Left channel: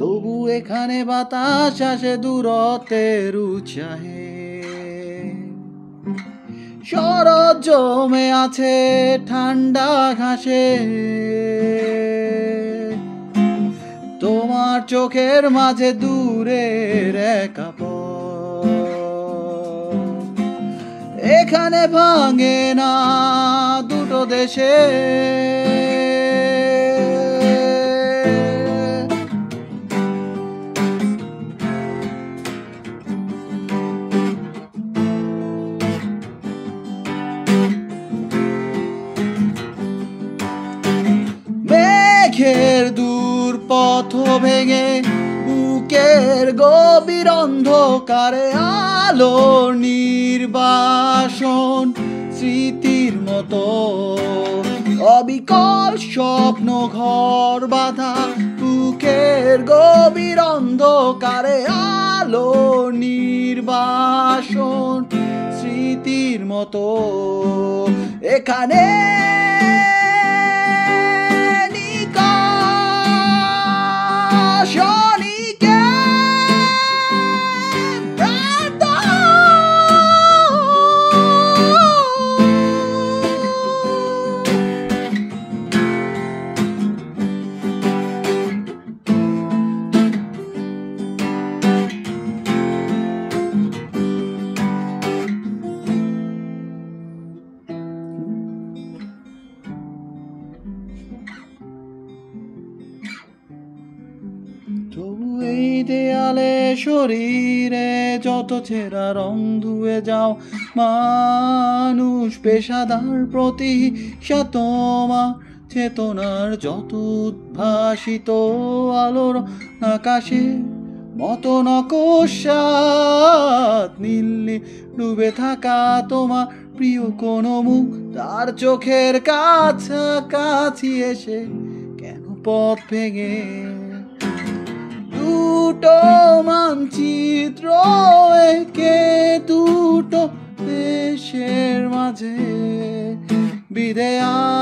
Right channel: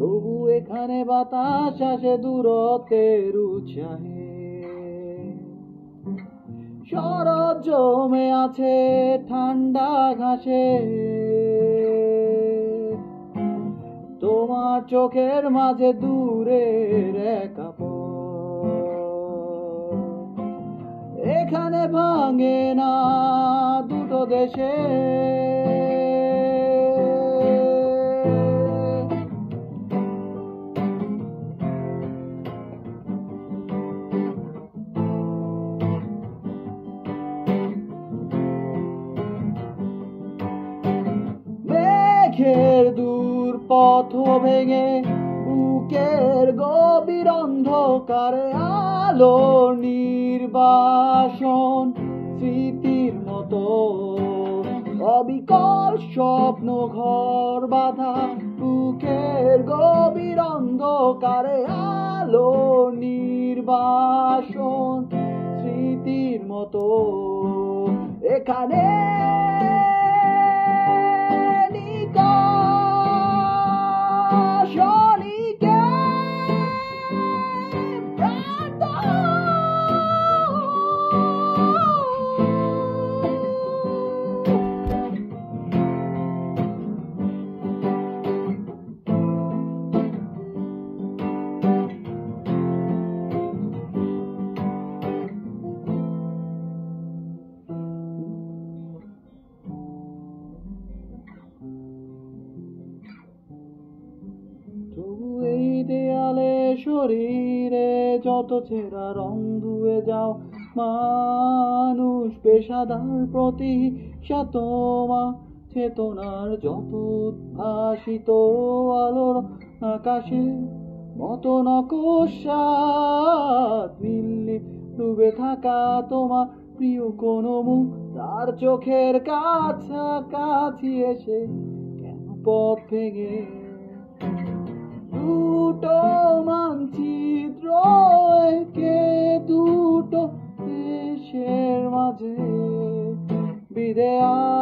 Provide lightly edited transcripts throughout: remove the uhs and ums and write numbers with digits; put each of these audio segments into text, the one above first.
তবু এখানে বাতাস আসে দূরত্বের উৎসাহে। শরৎ জমে আছে ঠান্ডা ঘাসে, তোমার চোখের মাঝে দূরের একা পথ। এখানে ভাঙে না দুটো দেশে, মেঘের দূর পথ ভেঙে বুকের গভীর অন্ধকারে আলোর নির্বাসন, স্মৃতির মতো অবিকল স্বপ্ন ঘর বাঁধা বুকের গভীর অন্ধকারে আলোর নির্বাসন, স্মৃতির মতো এখানে তবু এই দেয়ালে শরীরে যত ছেঁড়া রং ধুয়ে যাও, মানুষ পেশাদার প্রতীক্ষা তোমার চেতনার যত উদ্ভাসিত আলোর আকাশে মতো নকশাত নীলে ডুবে থাকা তোমার প্রিয় কোনো মুখ, তার চোখের কাছাকাছি এসে কেন পথ ভেঙে দুটো মানচিত্র একে দুটো দেশের মাঝে বিধে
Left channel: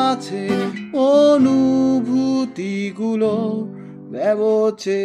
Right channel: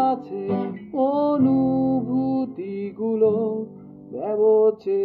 আছে অনুভূতিগুলো ব্যবচে।